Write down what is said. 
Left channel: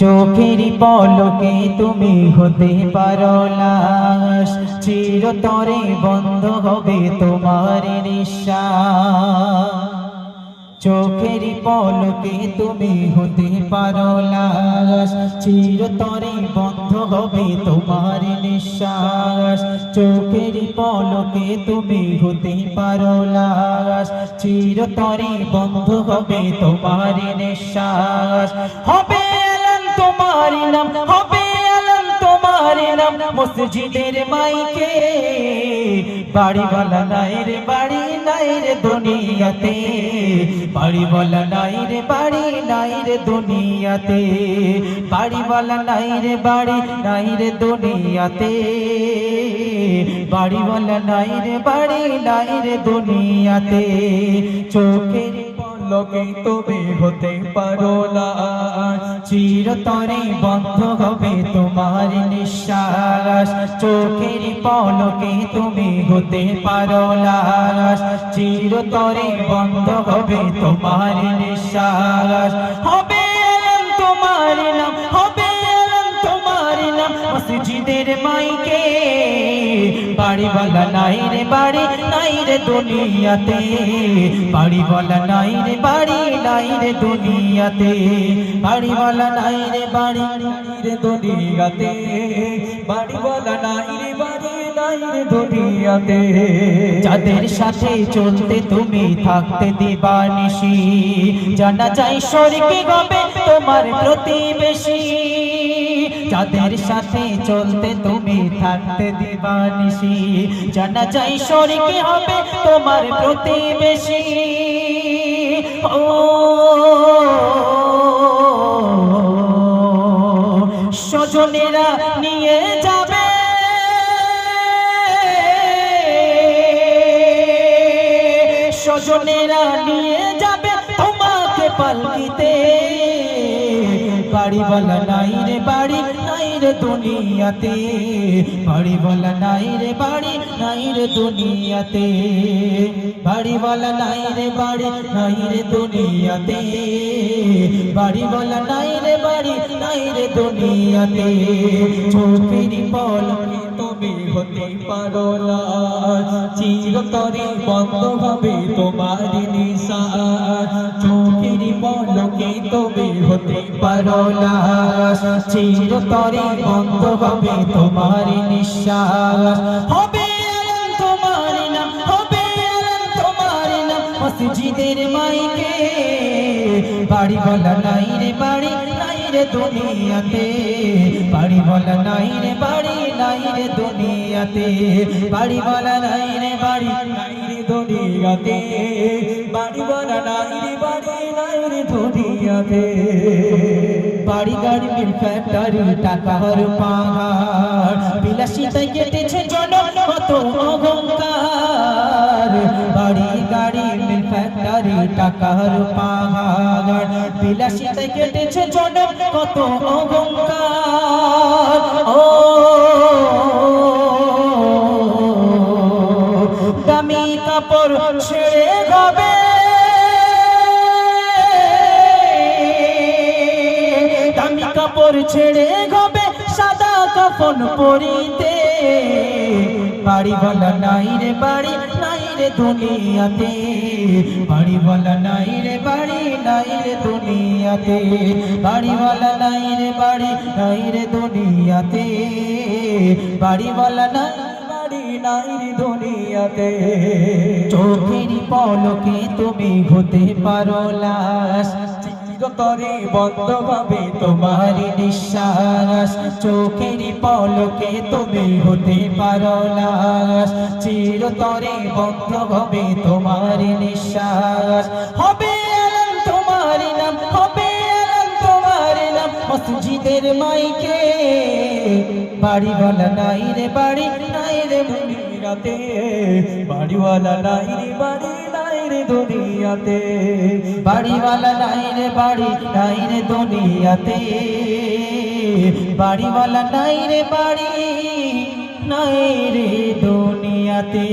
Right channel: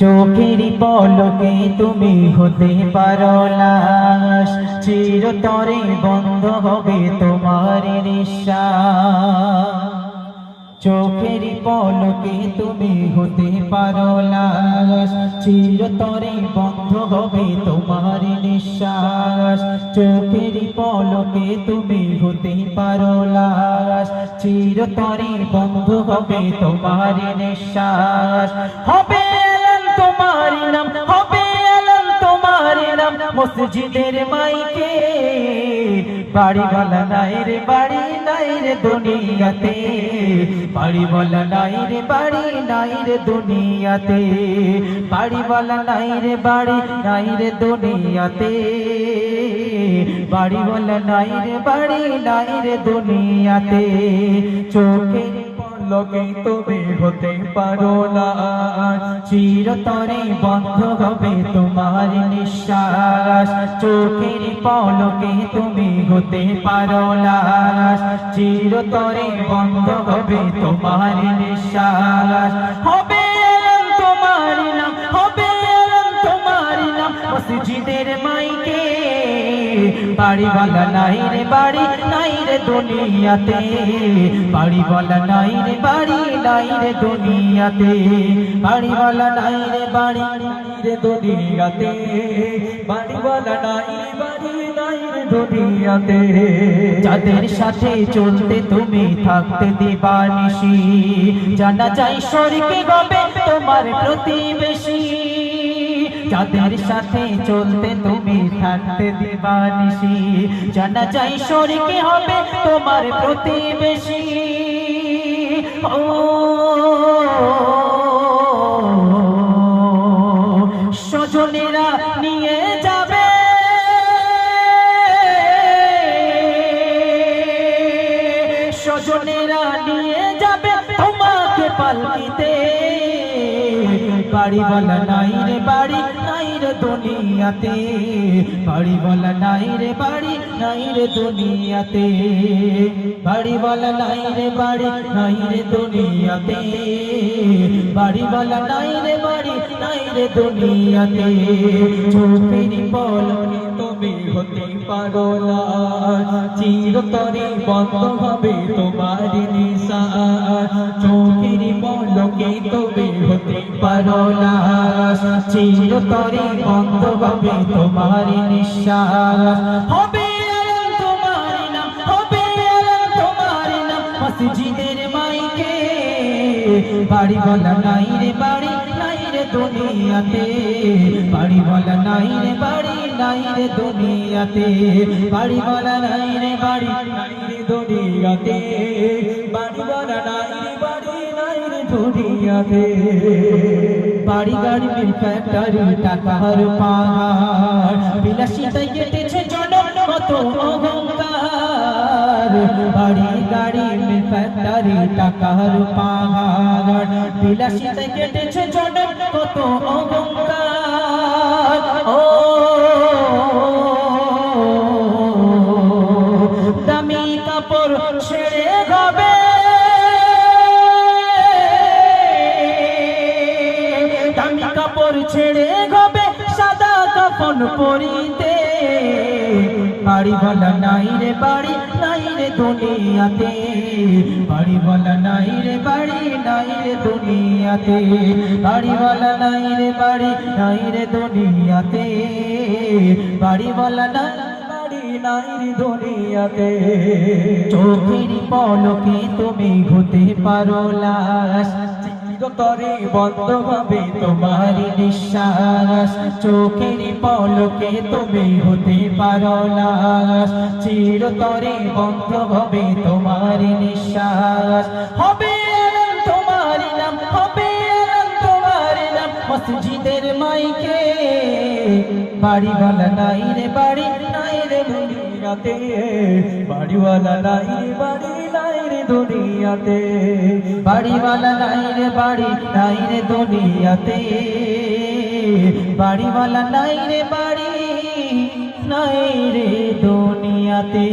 চোখের পলকে তুমি হতে পারো লাশ, চিরতরে বন্ধ হবে তোমার নিঃশ্বাস। চোখের পলকে তুমি হতে পারো লাশ, চিরতরে বন্ধ হবে তোমার নিঃশ্বাস। চোখের পলকে তুমি হতে পারো লাশ, চিরতরে বন্ধ হবে তোমার নিঃশ্বাস। হবে তোমার নাম, হবে আলম তোমার নাম মসজিদের মাইকে। বাড়িওয়ালা নাই রে বাড়ি নাই রে দুনিয়াতে, বাড়িওয়ালা নাই রে বাড়ি নাই রে দুনিয়াতে, বাড়িওয়ালা নাই রে বাড়ি নাই রে দুনিয়াতে, বাড়িওয়ালা নাই রে বাড়ি নাই রে দুনিয়াতে। চোখের পলকে তুমি হতে পারো না, চিরতরে বন্ধ হবে তোমার নিঃশ্বাস। চোখের পলকে তুমি হতে পারো না, চিরতরে বন্ধ হবে তোমার নিঃশ্বাস। হবে তোমার নাম, হবে তোমার নাম মসজিদের মাইকে। বাড়িওয়ালা নাই রে বাড়ি নাই রে দুনিয়াতে, বাড়িওয়ালা নাই রে বাড়ি নাই রে দুনিয়াতে, বাড়িওয়ালা নাই রে বাড়ি নাই রে দুনিয়াতে, বাড়িওয়ালা নাই রে বাড়ি নাই রে দুনিয়াতে। যাদের সাথে চলতে তুমি থাকতে দিবানিশি, জানা যায় স্বর্গে হবে তোমার প্রতিবেশী। যাদের সাথে চলতে তুমি থাকতে দিবানিশি, জানা যায় স্বর্গে হবে তোমার প্রতিবেশী। ও স্বজনেরা নিয়ে যাবে, স্বজনেরা নিয়ে যাবে তোমাকে পালকিতে। বাড়িওয়ালা নাই রে বাড়ি নাই রে দুনিয়াতে, বাড়িওয়ালা নাই রে বাড়ি নাই রে দুনিয়াতে, বাড়িওয়ালা নাই রে বাড়ি নাই রে দুনিয়াতে, বাড়িওয়ালা নাই রে বাড়ি নাই রে দুনিয়াতে। চোখের পলকে তুমি হতে পারো না, চিরতরে বন্ধ হবে তোমার নিঃশ্বাস। চোখের পলকে তুমি হতে পারো না, চিরতরে বন্ধ হবে তোমার নিঃশ্বাস। হবে তোমার নাম, হবে তোমার নাম মসজিদের মাইকে। বাড়িওয়ালা নাই রে বাড়ি নাই রে দুনিয়াতে, বাড়িওয়ালা নাই রে বাড়ি নাই রে দুনিয়াতে, বাড়িওয়ালা নাই রে বাড়ি নাই রে দুনিয়াতে, বাড়িওয়ালা নাই রে বাড়ি নাই রে দুনিয়াতে। বাড়ি গাড়ি মিল ফ্যাক্টরি টাকার পাহাড়, বিলাসিতায় কেটেছে জনম কত অহংকার। বাড়ি গাড়ি মিল ফ্যাক্টরি টাকার পাহাড়, বিলাসিতায় কেটেছে জনম কত অহংকার। ও দামি কাপড় ছেড়ে যাবে, দামি কাপড় ছেড়ে যাবে সাদা কাফন পরিতে। বাড়িওয়ালা নাই রে বাড়ি নাই রে দুনিয়াতে, বাড়িওয়ালা নাই রে বাড়ি নাই রে দুনিয়াতে, বাড়িওয়ালা নাই রে বাড়ি নাই রে দুনিয়াতে, বাড়িওয়ালা নাই বাড়ি নাই রে দুনিয়াতে। চোখের পলকে তুমি হতে পারো লাশ, চিরতরে বন্ধ হবে তোমার নিঃশ্বাস। চোখের পলকে তুমি হতে পারো লাশ, চিরতরে বন্ধ হবে তোমার নিঃশ্বাস। হবে তোমার নাম, হবে তোমার নাম মসজিদের মাইকে। বাড়িওয়ালা নাই রে বাড়ি নাই রে দুনিয়াতে, বাড়িওয়ালা নাই রে বাড়ি নাই রে দুনিয়াতে, বাড়িওয়ালা নাই রে বাড়ি নাই রে দুনিয়াতে, বাড়িওয়ালা নাই রে বাড়ি নাই রে দুনিয়াতে।